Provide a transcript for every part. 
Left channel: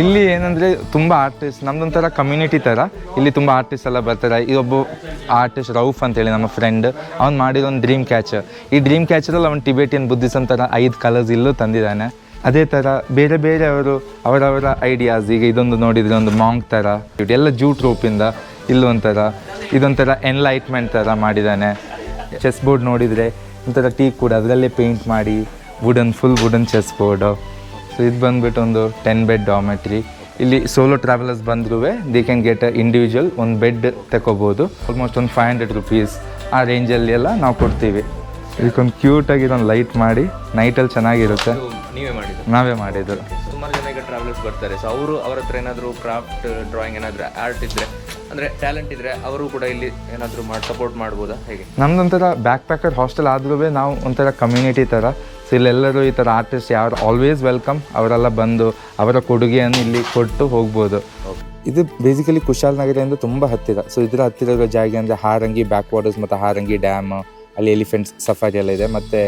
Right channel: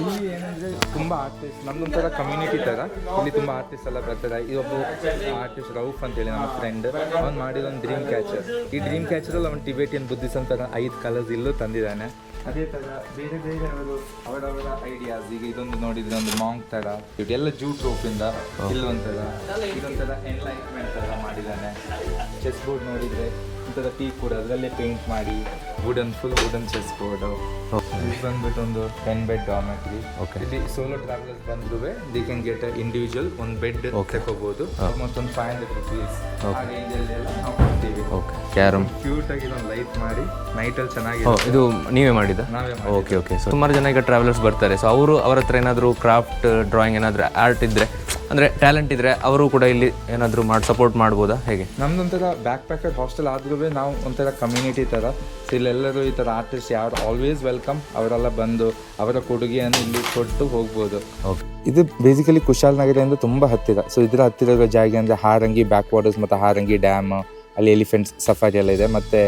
ಇಲ್ಲಿ ಏನಂದರೆ ತುಂಬ ಆರ್ಟಿಸ್ಟ್, ನಮ್ದೊಂಥರ ಕಮ್ಯುನಿಟಿ ಥರ. ಇಲ್ಲಿ ತುಂಬ ಆರ್ಟಿಸ್ಟ್ ಎಲ್ಲ ಬರ್ತಾರೆ. ಇದೊಬ್ಬ ಆರ್ಟಿಸ್ಟ್ ರೌಫ್ ಅಂತೇಳಿ ನಮ್ಮ ಫ್ರೆಂಡ್, ಅವ್ನು ಮಾಡಿರೋ ಒಂದು ಡ್ರೀಮ್ ಕ್ಯಾಚರ್. ಈ ಡ್ರೀಮ್ ಕ್ಯಾಚರಲ್ಲಿ ಅವ್ನು ಟಿಬೇಟಿಯನ್ ಬುದ್ಧಿಸಮ್ ಥರ 5 ಕಲರ್ಸ್ ಇಲ್ಲೂ ತಂದಿದ್ದಾನೆ. ಅದೇ ಥರ ಬೇರೆ ಬೇರೆ ಅವರವರ ಐಡಿಯಾಸ್. ಈಗ ಇದೊಂದು ನೋಡಿದರೆ ಒಂದು ಮಾಂಗ್ ಥರ, ಎಲ್ಲ ಜೂಟ್ ರೋಪಿಂದ ಇಲ್ಲೊಂಥರ, ಇದೊಂಥರ ಎನ್ಲೈಟ್ಮೆಂಟ್ ಥರ ಮಾಡಿದ್ದಾನೆ. ಚೆಸ್ ಬೋರ್ಡ್ ನೋಡಿದರೆ ಒಂಥರ ಟೀ ಕೂಡ ಅದರಲ್ಲೇ ಪೇಂಟ್ ಮಾಡಿ ಫುಲ್ ವುಡನ್ ಚೆಸ್ ಬೋರ್ಡು. ಇದು ಬಂದ್ಬಿಟ್ಟು ಒಂದು 10 ಬೆಡ್ ಡಾಮೆಟ್ರಿ. ಇಲ್ಲಿ ಸೋಲೋ ಟ್ರಾವೆಲರ್ಸ್ ಬಂದ್ರೂ ದೇ ಕ್ಯಾನ್ ಗೆಟ್ ಇಂಡಿವಿಜುವಲ್ ಒಂದು ಬೆಡ್ ತಗೋಬೋದು. ಆಲ್ಮೋಸ್ಟ್ ಒಂದು 500 ರುಪೀಸ್ ಆ ರೇಂಜಲ್ಲಿ ಎಲ್ಲ ನಾವು ಕೊಡ್ತೀವಿ. ಒಂದು ಕ್ಯೂಟ್ ಆಗಿ ಇದೊಂದು ಲೈಟ್ ಮಾಡಿ ನೈಟಲ್ಲಿ ಚೆನ್ನಾಗಿರುತ್ತೆ. ಇದು ನೀವೇ ಮಾಡಿದ್ದು? ನಾವೇ ಮಾಡಿದ್ದು. ಸುಮಾರು ಜನ ಈಗ ಟ್ರಾವೆಲರ್ಸ್ ಬರ್ತಾರೆ, ಸೊ ಅವ್ರ ಹತ್ರ ಏನಾದರೂ ಕ್ರಾಫ್ಟ್ ಡ್ರಾಯಿಂಗ್ ಏನಾದರೂ ಆರ್ಟ್ ಇದ್ದರೆ, ಅಂದರೆ ಟ್ಯಾಲೆಂಟ್ ಇದ್ದರೆ ಅವರು ಕೂಡ ಇಲ್ಲಿ ಏನಾದರೂ ಸಪೋರ್ಟ್ ಮಾಡ್ಬೋದಾ, ಹೇಗೆ? ನಮ್ದೊಂಥರ ಬ್ಯಾಕ್ ಪ್ಯಾಕರ್ ಹಾಸ್ಟೆಲ್ ಆದ್ರೂ ನಾವು ಒಂಥರ ಕಮ್ಯುನಿಟಿ ಥರ. ಸೊ ಇಲ್ಲೆಲ್ಲರೂ ಈ ಥರ ಆರ್ಟಿಸ್ಟ್ ಯಾರು ಆಲ್ವೇಸ್ ವೆಲ್ಕಮ್. ಅವರೆಲ್ಲ ಬಂದು ಅವರ ಕೊಡುಗೆಯನ್ನು ಇಲ್ಲಿ ಕೊಟ್ಟು ಹೋಗ್ಬೋದು. ಇದು ಬೇಸಿಕಲಿ ಕುಶಾಲನಗರದಿಂದ ತುಂಬ ಹತ್ತಿರ. ಸೊ ಇದರ ಹತ್ತಿರ ಇರೋ ಜಾಗ ಅಂದರೆ ಹಾರಂಗಿ ಬ್ಯಾಕ್ ವಾಟರ್ಸ್ ಮತ್ತು ಹಾರಂಗಿ ಡ್ಯಾಮ್, ಅಲ್ಲಿ ಎಲಿಫೆಂಟ್ಸ್ ಸಫಾರಿ ಎಲ್ಲ ಇದೆ. ಮತ್ತು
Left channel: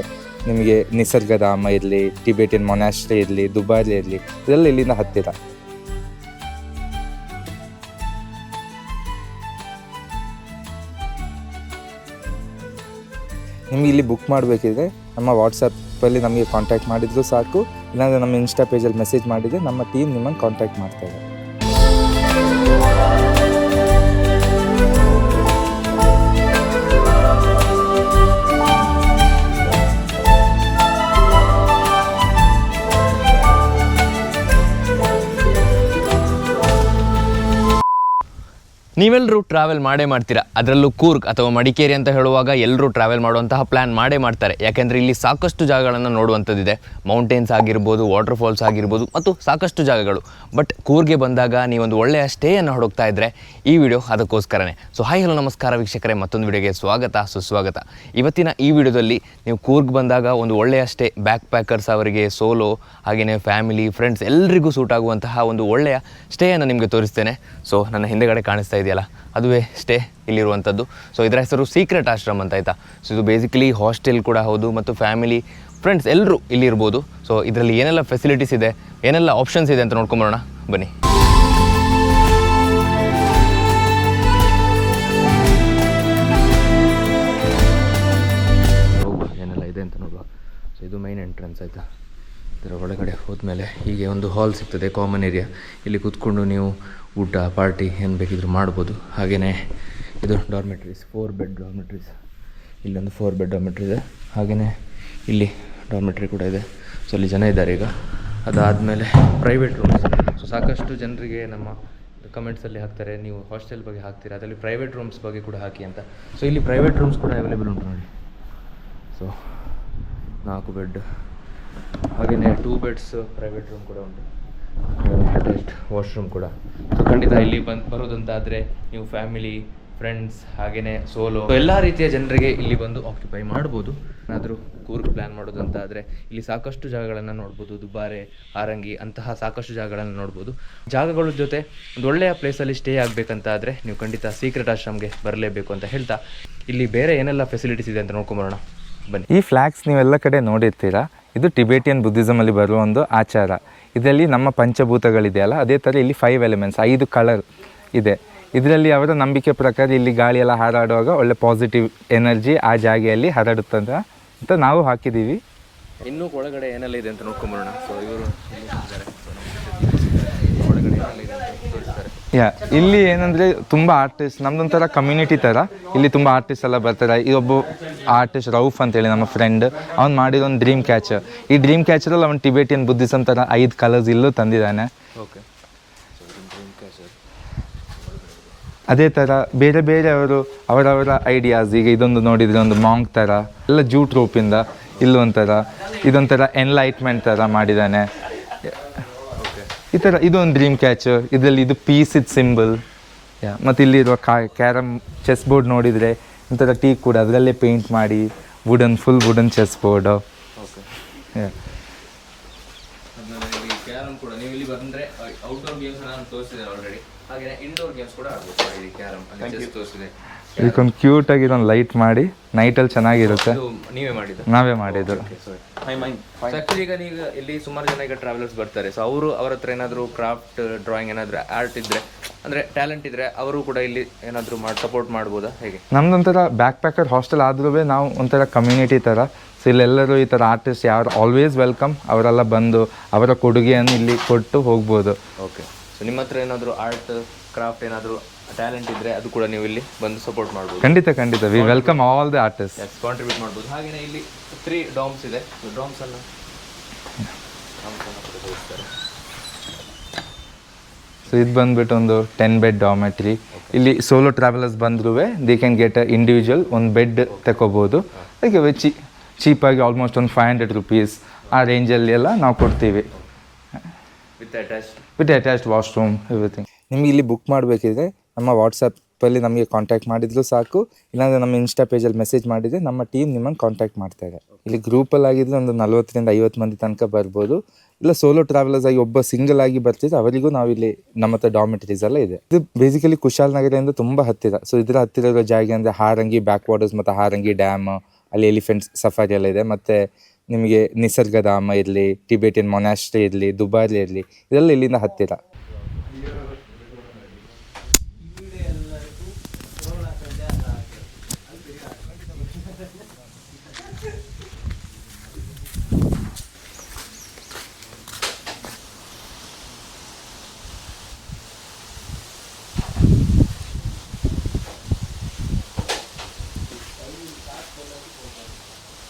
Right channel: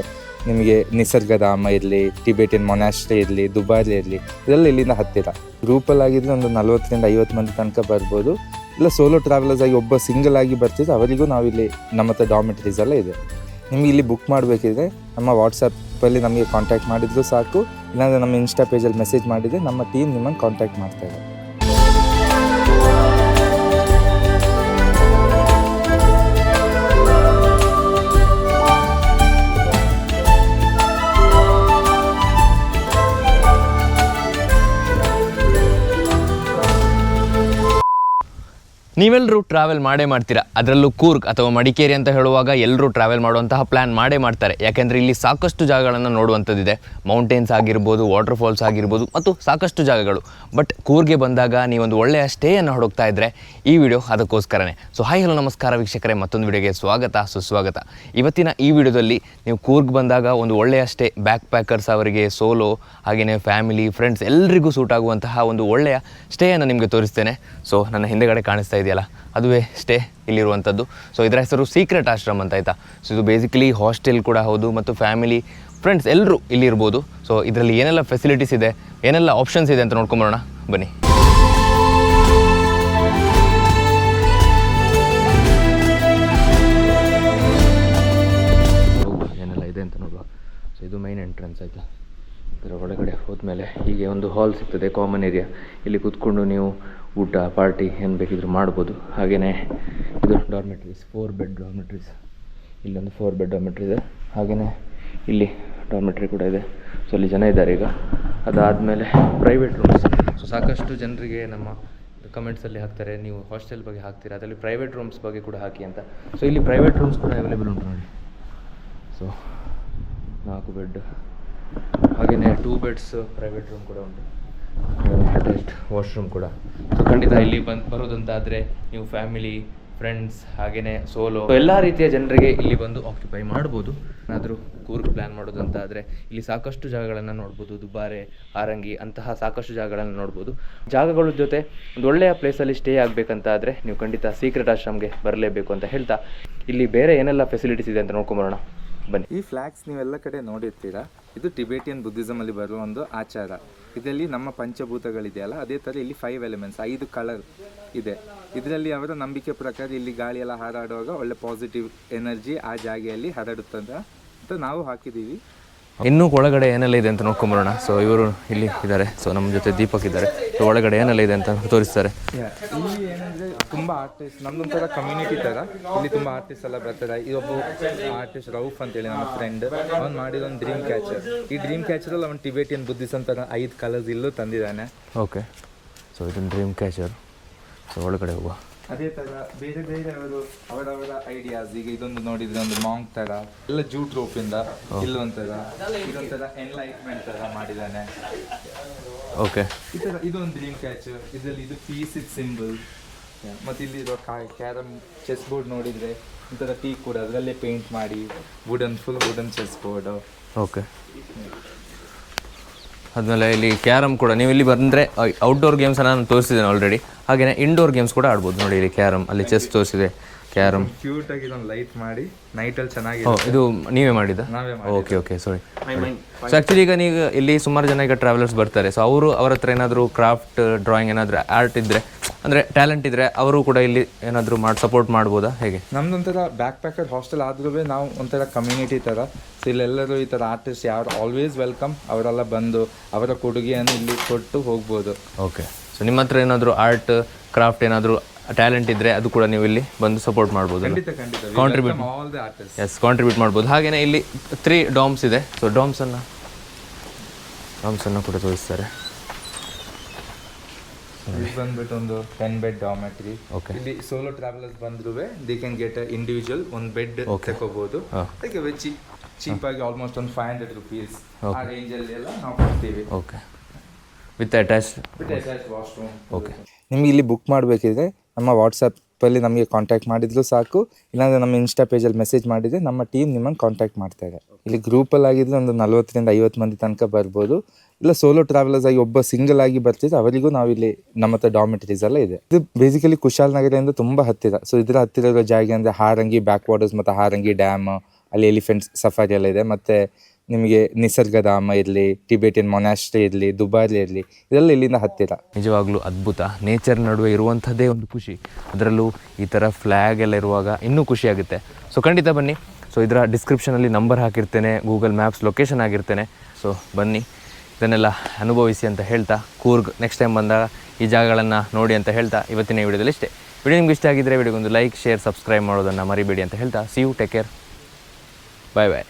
ನಿಮಗೆ ನಿಸರ್ಗಧಾಮ ಇರಲಿ, ಟಿಬೇಟಿಯನ್ ಮೊನಾಸ್ಟ್ರಿ ಇರಲಿ, ದುಬಾರಿ ಇರಲಿ, ಇದೆಲ್ಲ ಇಲ್ಲಿಂದ ಹತ್ತಿರ. ಗ್ರೂಪಲ್ಲಿ ಆಗಿದ್ರೆ ಒಂದು 40ರಿಂದ 50 ಮಂದಿ ತನಕ ಬರ್ಬೋದು. ಇಲ್ಲ ಸೋಲೋ ಟ್ರಾವೆಲರ್ಸ್ ಆಗಿ ಒಬ್ಬ ಸಿಂಗಲ್ ಆಗಿ ಬರ್ತಿದ್ರೆ ಅವರಿಗೂ ನಾವಿಲ್ಲಿ ನಮ್ಮ ಹತ್ರ ಡಾಮೆಟ್ರೀಸ್ ಎಲ್ಲ ಇದೆ. ನಿಮಗೆ ಇಲ್ಲಿ ಬುಕ್ ಮಾಡಬೇಕಿದ್ರೆ ನಮ್ಮ ವಾಟ್ಸಪ್ಪಲ್ಲಿ ನಮಗೆ ಕಾಂಟ್ಯಾಕ್ಟ್ ಮಾಡಿದ್ರು ಸಾಕು. ಇಲ್ಲಾಂದರೆ ನಮ್ಮ ಇನ್ಸ್ಟಾ ಪೇಜಲ್ಲಿ ಮೆಸೇಜ್ ಮಾಡಿದರೆ ನಮ್ಮ ಟೀಮ್ ನಿಮ್ಮನ್ನು ಕಾಂಟ್ಯಾಕ್ಟ್ ಮಾಡ್ತಾರೆ. ನೀವೆಲ್ಲರೂ ಟ್ರಾವೆಲ್ ಮಾಡೇ ಮಾಡ್ತೀರಾ, ಅದರಲ್ಲೂ ಕೂರ್ಗ್ ಅಥವಾ ಮಡಿಕೇರಿ ಅಂತ ಹೇಳುವಾಗ ಎಲ್ಲರೂ ಟ್ರಾವೆಲ್ ಮಾಡುವಂತಹ ಪ್ಲ್ಯಾನ್ ಮಾಡೇ ಮಾಡ್ತಾರೆ. ಯಾಕೆಂದರೆ ಇಲ್ಲಿ ಸಾಕಷ್ಟು ಜಾಗಗಳನ್ನು ನೋಡುವಂಥದ್ದಿದೆ. ಮೌಂಟೇನ್ಸ್ ಆಗಿರ್ಬೋದು, ವಾಟರ್ ಫಾಲ್ಸ್ ಆಗಿರ್ಬೋದು, ಮತ್ತು ಸಾಕಷ್ಟು ಜಾಗಗಳು. ಬಟ್ ಕೂರ್ಗೆ ಬಂದಾಗ ನೀವೊಂದು ಒಳ್ಳೆಯ ಸ್ಟೇಯನ್ನು ಹುಡುಕ್ತಾ ಇದ್ದರೆ ಈ ವಿಡಿಯೋ ಅದಕ್ಕೋಸ್ಕರನೇ. ಸೊ ಹಾಯ್ ಹಲೋ ನಮಸ್ಕಾರ ವೀಕ್ಷಕರೇ, ಮತ್ತೊಂದು ವಿಡಿಯೋಗೆ ಸುಸ್ವಾಗತ. ಇವತ್ತಿನ ಈ ವಿಡಿಯೋದಲ್ಲಿ ನೀವು ಕೂರ್ಗ್ ಬಂದಾಗ ಒಂದು ಒಳ್ಳೆಯ ಸ್ಟೇ, ಬ್ಯಾಕ್ ಪ್ಯಾಕರ್ಸ್ ಅವರಿಗೆ, ಸೋಲೋ, ಹಾಗೆಯೇ ಫ್ಯಾಮಿಲಿ, ಫ್ರೆಂಡ್ಸ್ ಎಲ್ಲರಿಗೂ ಸೂಟ್ ಆಗುವಂತಹ ಒಂದು ಒಳ್ಳೆಯ ಸ್ಟೇಯನ್ನು ನಿಮಗೆ ತೋರಿಸ್ತೇನೆ. ಸೊ ನನ್ನ ಹಿಂದೆಗಡೆ ಕಾಣಿಸ್ತಾ ಇದೆಯಲ್ಲ, ಅದುವೇ ಸ್ಟೇ ಇಲ್ಲಿರುವಂಥದ್ದು. ಸೊ ಇದರ ಹೆಸರು ಸೀಕ್ರೆಟ್ ಆಶ್ರಮ್ ಅಂತ, ಆಯಿತಾ. ಸೊ ಇದು ಬೇಸಿಕಲಿ ಹಾಸ್ಟೆಲ್ ಕೂಡ ಹೌದು, ಮತ್ತು ಫ್ಯಾಮಿಲಿ, ಫ್ರೆಂಡ್ಸ್ ಎಲ್ಲರೂ ಇಲ್ಲಿ ಇರ್ಬೋದು. ಸೊ ಇದರಲ್ಲಿ ಏನೆಲ್ಲ ಫೆಸಿಲಿಟೀಸ್ ಇದೆ, ಏನೆಲ್ಲ ಆಪ್ಷನ್ಸ್ ಇದೆ ಅಂತ ನೋಡ್ಕೊಂಬರೋಣ ಬನ್ನಿ. ಏನೆಲ್ಲ ಇದೆ ಅಂತ ನೋಡುವ. ಸೊ ಇದು ಮೈನ್ ಎಂಟ್ರೆನ್ಸ್, ಆಯಿತಾ. ಇದರ ಒಳಗಡೆ ಹೋದ್ಮೇಲೆ ಹೀಗೆ ಒಂದು ಹಾಲ್ ಸಿಗ್ತದೆ, ಕಾಮನ್ ಏರಿಯಾ. ಇಲ್ಲಿ ಕೂತ್ಕೊಂಡು ನೀವು ಊಟ, ಪಾರ್ಟಿ ಏನು ಬೇಕಿದ್ರು ಮಾಡ್ಬೋದು. ಹಾಗೆಯೇ ಇದು ಡಾರ್ಮೆಟ್ರೀಸ್, 4 ಬೆಡ್ ಡಾರ್ಮೆಟ್ರೀಸ್. ಇಲ್ಲೊಂದು 4 ಬೆಡ್ ಡಾರ್ಮೆಟ್ರಿ ಇದೆ. ಹಾಗೆಯೇ ಇಲ್ಲಿ ಡಾರ್ಮೆಟ್ರಿ ಕೂಡ ಇದೆ. ಸೊ ಅಲ್ಲಿ ಜನ ಇದ್ದಾರೆ ಈಗ. ಅದಾದಮೇಲೆ ಪ್ರೈವೇಟ್ ರೂಮ್ಸ್. ಸೊ ಸಾಕಷ್ಟು ಜನರಿಗೆ ನಮ್ಮ ಕಮೆಂಟ್ಸಲ್ಲಿ ಹಾಕ್ತಾರೆ, ನೀವು ಹಾಸ್ಟೆಲ್ ಬಗ್ಗೆ ಹಾಕ್ತೀರಾ, ಅದರಲ್ಲಿ ಪ್ರೈವೇಟ್ ರೂಮ್ಸ್ ಬಗ್ಗೆ ಕೂಡ ಹಾಕಿ ಅಂತ. ಸೊ ಇಲ್ಲಿ ಪ್ರೈವೇಟ್ ರೂಮ್ಸ್ ಕೂಡ ಅವೈಲೇಬಲ್ ಉಂಟು ನೋಡಿ. ಸೊ 4 ಬೆಡ್, ಹಾಗೆಯೇ 2 ಬೆಡ್ಸ್ ಪ್ರೈವೇಟ್ ರೂಮ್ ಕೂಡ ಉಂಟು, ಅಟ್ಯಾಚ್ಡ್ ವಾಶ್ರೂಮ್ ಕೂಡ. ಸೊ ಖಂಡಿತ ಇಲ್ಲಿ ಬರೋದಂತಾದರೆ ನೀವು ಫ್ಯಾಮಿಲಿ, ಫ್ರೆಂಡ್ಸ್, ಹಾಗೆಯೇ ಸೋಲೋ, ಎಲ್ಲ ರೀತಿಯ ಜನರಿಗೆ ಇಲ್ಲಿ ಬಂದು ಆಕ್ಯುಪೈ ಮಾಡ್ಬೋದು. ಏನಾದರೂ ಕೂರ್ಗ್ ಪ್ಲ್ಯಾನ್ ಮಾಡೋದಂತ ಆದರೆ ಇಲ್ಲಿ ಸಾಕಷ್ಟು ಜಾಗಗಳನ್ನು ನೋಡ್ಬೋದು. ದುಬಾರೆ, ಹಾರಂಗಿ ಅಂತಹ ಸಾಕಷ್ಟು ಜಾಗಗಳನ್ನು ನೋಡ್ಬೋದು. ಜಾಗಗಳ ಜೊತೆ ಒಂದು ಒಳ್ಳೆಯ ಪ್ಲೇಸಲ್ಲಿ ಸ್ಟೇ ಆಗಬೇಕಂತ ಆದರೆ ನೀವು ಖಂಡಿತ ಸೀಕ್ರೆಟ್ ಆಶ್ರಮ್ಗೆ ಬರಲೇಬೇಕು ಅಂತ ಹೇಳ್ತಾ, ಇಲ್ಲಿ ಬೇರೆ ಏನೆಲ್ಲ ಫೆಸಿಲಿಟೀಸ್ ಇದೆ ಅಂತ ನೋಡ್ಕೊಂಬರೋಣ ಬನ್ನಿ. ಈ ಫ್ಲ್ಯಾಗ್ಸ್ ನೀವೆಲ್ಲ ಕಡೆ ನೋಡಿರ್ತೀರಾ. ಇದು ಟಿಬೇಟಿಯನ್ ಬುದ್ಧಿಸಮಲ್ಲಿ ಬರುವ ಒಂದು ಆಚಾರ. ಇದರಲ್ಲಿ ನಮ್ಮ ಪಂಚಭೂತಗಳಿದೆಯಲ್ಲ, ಅದೇ ಥರ ಇಲ್ಲಿ 5 ಎಲಿಮೆಂಟ್ಸ್, 5 ಕಲರ್ ಇದೆ. ಇದರಲ್ಲಿ ಅವರ ನಂಬಿಕೆ ಪ್ರಕಾರ ಇಲ್ಲಿ ಗಾಳಿಯೆಲ್ಲ ಹಾರಾಡುವಾಗ ಒಳ್ಳೆ ಪಾಸಿಟಿವ್ ಎನರ್ಜಿ ಆ ಜಾಗೆಯಲ್ಲಿ ಹರಡುತ್ತಂತ ನಾವು ಹಾಕಿದ್ದೀವಿ. ಇನ್ನೂ ಒಳಗಡೆ ಏನೆಲ್ಲ ಇದೆ ಅಂತ ನೋಡ್ಕೊಂಬರೋಣ. ಸೊ ಇವರು ಇಲ್ಲಿ ಇದ್ದಾರೆ. ಸೊ ನಮ್ಮ ಜೊತೆ ದೀಪಕ್ ಇದ್ದಾರೆ. ಒಳಗಡೆ ಏನೆಲ್ಲ ಇದೆ ಅಂತ ತೋರಿಸ್ತಾರೆ. ಇಲ್ಲಿ ಏನಂದರೆ ತುಂಬ ಆರ್ಟಿಸ್ಟ್, ನಮ್ದೊಂಥರ ಕಮ್ಯುನಿಟಿ ಥರ. ಇಲ್ಲಿ ತುಂಬ ಆರ್ಟಿಸ್ಟ್ ಎಲ್ಲ ಬರ್ತಾರೆ. ಇದೊಬ್ಬ ಆರ್ಟಿಸ್ಟ್ ರೌಫ್ ಅಂತೇಳಿ ನಮ್ಮ ಫ್ರೆಂಡ್, ಅವ್ನು ಮಾಡಿರೋ ಒಂದು ಡ್ರೀಮ್ ಕ್ಯಾಚರ್. ಈ ಡ್ರೀಮ್ ಕ್ಯಾಚರಲ್ಲಿ ಅವ್ನು ಟಿಬೇಟಿಯನ್ ಬುದ್ಧಿಸಮ್ ಥರ 5 ಕಲರ್ಸ್ ಇಲ್ಲೂ ತಂದಿದ್ದಾನೆ. ಓಕೆ. ಸೊ ಇದೊಂದು ಡ್ರೀಮ್ ಕ್ಯಾಚರ್. ಸೊ ಒಳಗಡೆ ಹೋಗುವ. ಅದೇ ಥರ ಬೇರೆ ಬೇರೆ ಅವರವರ ಐಡಿಯಾಸ್. ಈಗ ಇದೊಂದು ನೋಡಿದರೆ ಒಂದು ಮಾಂಗ್ ಥರ, ಎಲ್ಲ ಜೂಟ್ ರೋಪಿಂದ ಇಲ್ಲೊಂಥರ, ಇದೊಂಥರ ಎನ್ಲೈಟ್ಮೆಂಟ್ ಥರ ಮಾಡಿದ್ದಾನೆ. ಓಕೆ. ಈ ಥರ ಇದೊಂದು ಡ್ರೀಮ್ ಕ್ಯಾಚರ್. ಇದರಲ್ಲಿ ಇದು ಪೀಸ್ ಇದು ಸಿಂಬಲ್. ಮತ್ತು ಇಲ್ಲಿರುವ ಕ್ಯಾರಮ್ ಚೆಸ್ ಬೋರ್ಡ್ ನೋಡಿದರೆ ಒಂಥರ ಟೀ ಕೂಡ ಅದರಲ್ಲೇ ಪೇಂಟ್ ಮಾಡಿ full wooden chess board. Okay. ಆದಮೇಲೆ ಇಲ್ಲಿ ಕ್ಯಾರಮ್ ಕೂಡ, ನೀವು ಇಲ್ಲಿ ಬಂದರೆ ಔಟ್ಡೋರ್ ಗೇಮ್ಸನ್ನು ನಾನು ತೋರಿಸಿದ್ದೇನೆ ಆಲ್ರೆಡಿ. ಹಾಗೆಯೇ ಇಂಡೋರ್ ಗೇಮ್ಸ್ ಕೂಡ ಆಡ್ಬೋದು ನೋಡಿ. ಇಲ್ಲಿ ಕ್ಯಾರಮ್, ಅಲ್ಲಿ ಚೆಸ್ ತೋರಿಸಿದೆ, ಇದಕ್ಕೊಂದು ಕ್ಯೂಟ್ ಆಗಿ ಇದೊಂದು ಲೈಟ್ ಮಾಡಿ ನೈಟಲ್ಲಿ ಚೆನ್ನಾಗಿರುತ್ತೆ. ಇದು ನೀವೇ ಮಾಡಿದ? ನಾವೇ ಮಾಡಿದ್ದು. Okay sorry. ಸೊ ಆ್ಯಕ್ಚುಲಿ ಈಗ ನೀವು ಇಲ್ಲಿ ಸುಮಾರು ಜನ ಈಗ ಟ್ರಾವೆಲರ್ಸ್ ಬರ್ತಾರೆ, ಸೊ ಅವರು ಅವ್ರ ಹತ್ರ ಏನಾದರೂ ಕ್ರಾಫ್ಟ್ ಡ್ರಾಯಿಂಗ್ ಏನಾದರೂ ಆರ್ಟ್ ಇದ್ದರೆ ಅಂದರೆ ಟ್ಯಾಲೆಂಟ್ ಇದ್ದರೆ ಅವರು ಕೂಡ ಇಲ್ಲಿ ಏನಾದರೂ ಸಪೋರ್ಟ್ ಮಾಡ್ಬೋದಾ, ಹೇಗೆ? ನಮ್ದೊಂಥರ ಬ್ಯಾಕ್ ಪ್ಯಾಕರ್ ಹಾಸ್ಟೆಲ್ ಆದ್ರೂ ನಾವು ಒಂಥರ ಕಮ್ಯುನಿಟಿ ಥರ. ಸೊ ಇಲ್ಲೆಲ್ಲರೂ ಈ ಥರ ಆರ್ಟಿಸ್ಟ್ ಯಾರು ಆಲ್ವೇಸ್ ವೆಲ್ಕಮ್, ಅವರೆಲ್ಲ ಬಂದು ಅವರ ಕೊಡುಗೆಯನ್ನು ಇಲ್ಲಿ ಕೊಟ್ಟು ಹೋಗ್ಬೋದು. ಓಕೆ. ಸೊ ನಿಮ್ಮ ಹತ್ರ ಏನಾದರೂ ಆರ್ಟ್ ಕ್ರಾಫ್ಟ್ ಏನಾದರೂ ಟ್ಯಾಲೆಂಟ್ ಇದ್ದರೆ ಅದು ಕೂಡ ನೀವು ಇಲ್ಲಿ ಬಂದು ಸಪೋರ್ಟ್ ಮಾಡ್ಬೋದು. ಖಂಡಿತ we welcome all the artist. Yes, contribute ಮಾಡ್ಬೋದು. ಹಾಗೆಯೇ ಇಲ್ಲಿ 3 ಡಾಮ್ಸ್ ಇದೆ. ಸೊ ಡಾಮ್ಸನ್ನು ಕೂಡ ತೋರಿಸ್ತಾರೆ. ಸೊ ಇದು ಬಂದ್ಬಿಟ್ಟು ಒಂದು 10 ಬೆಡ್ ಡಾಮೆಟ್ರಿ. ಇಲ್ಲಿ ಸೋಲೋ ಟ್ರಾವೆಲರ್ಸ್ ಬಂದ್ರೂ ದಿ ಕ್ಯಾನ್ ಗೆಟ್ ಇಂಡಿವಿಜುವಲ್ ಒಂದು ಬೆಡ್ ತಗೋಬಹುದು. ಅದಕ್ಕೆ ಚೀಪಾಗಿ ಆಲ್ಮೋಸ್ಟ್ ಒಂದು 500 ರುಪೀಸ್ ಆ ರೇಂಜಲ್ಲಿ ಎಲ್ಲ ನಾವು ಕೊಡ್ತೀವಿ. Okay. With attached washroom everything. ನಿಮಗೆ ಇಲ್ಲಿ ಬುಕ್ ಮಾಡಬೇಕಿದ್ರೆ ನಮ್ಮ ವಾಟ್ಸಪ್ಪಲ್ಲಿ ನಮಗೆ ಕಾಂಟ್ಯಾಕ್ಟ್ ಮಾಡಿದ್ರು ಸಾಕು, ಇಲ್ಲಾಂದರೆ ನಮ್ಮ ಇನ್ಸ್ಟಾ ಪೇಜಲ್ಲಿ ಮೆಸೇಜ್ ಮಾಡಿದರೆ ನಮ್ಮ ಟೀಮ್ ನಿಮ್ಮನ್ನು ಕಾಂಟ್ಯಾಕ್ಟ್ ಮಾಡ್ತಾರೆ. ಇಲ್ಲಿ ಗ್ರೂಪಲ್ಲಿ ಆಗಿದ್ರೆ ಒಂದು 40ರಿಂದ 50 ಮಂದಿ ತನಕ ಬರ್ಬೋದು. ಇಲ್ಲ ಸೋಲೋ ಟ್ರಾವೆಲರ್ಸ್ ಆಗಿ ಒಬ್ಬ ಸಿಂಗಲ್ ಆಗಿ ಬರ್ತಿದ್ರೆ ಅವರಿಗೂ ನಾವಿಲ್ಲಿ ನಮ್ಮ ಹತ್ರ ಡಾಮಿಟರೀಸ್ ಎಲ್ಲ ಇದೆ. ಇದು ಬೇಸಿಕಲಿ ಕುಶಾಲನಗರದಿಂದ ತುಂಬ ಹತ್ತಿರ. ಸೊ ಇದರ ಹತ್ತಿರ ಇರೋ ಜಾಗ ಅಂದರೆ ಹಾರಂಗಿ ಬ್ಯಾಕ್ ವಾಟರ್ಸ್ ಮತ್ತು ಹಾರಂಗಿ ಡ್ಯಾಮ್, ಅಲ್ಲಿ ಎಲಿಫೆಂಟ್ಸ್ ಸಫಾರಿ ಎಲ್ಲ ಇದೆ. ಮತ್ತು ನಿಮಗೆ ನಿಸರ್ಗಧಾಮ ಇರಲಿ, ಟಿಬೇಟಿಯನ್ ಮೊನಾಸ್ಟ್ರಿ ಇರಲಿ, ದುಬಾರಿ ಇರಲಿ, ಇದೆಲ್ಲ ಇಲ್ಲಿಂದ ಹತ್ತಿರ. ನಿಜವಾಗ್ಲೂ ಅದ್ಭುತ. ನೇಚರ್ ನಡುವೆ ಇರುವಂಥದ್ದೇ ಒಂದು ಖುಷಿ, ಅದರಲ್ಲೂ ಈ ಥರ ಫ್ಲ್ಯಾಗ್ ಎಲ್ಲ ಇರುವಾಗ ಇನ್ನೂ ಖುಷಿಯಾಗುತ್ತೆ. ಸೊ ಖಂಡಿತ ಬನ್ನಿ. ಸೊ ಇದರ ಡಿಸ್ಕ್ರಿಪ್ಷನಲ್ಲಿ ನಂಬರ್ ಹಾಕಿರ್ತೇನೆ, ಗೂಗಲ್ ಮ್ಯಾಪ್ಸ್ ಲೊಕೇಶನ್ ಆಗಿರ್ತೇನೆ. ಸೊ ಬನ್ನಿ, ಇದನ್ನೆಲ್ಲ ಅನುಭವಿಸಿ ಅಂತ ಹೇಳ್ತಾ, ಕೂರ್ಗ್ ನೆಕ್ಸ್ಟ್ ಟೈಮ್ ಬಂದಾಗ ಈ ಜಾಗಗಳನ್ನು ನೋಡಿ ಅಂತ ಹೇಳ್ತಾ ಇವತ್ತಿನ ವಿಡಿಯೋದಲ್ಲಿ ಇಷ್ಟೇ. ವಿಡಿಯೋ ನಿಮ್ಗೆ ಇಷ್ಟ ಆಗಿದ್ದರೆ ವಿಡಿಯೋಗೊಂದು ಲೈಕ್, ಶೇರ್, ಸಬ್ಸ್ಕ್ರೈಬ್ ಮಾಡೋದನ್ನು ಮರಿಬೇಡಿ ಅಂತ ಹೇಳ್ತಾ, see you, take care, bye bye.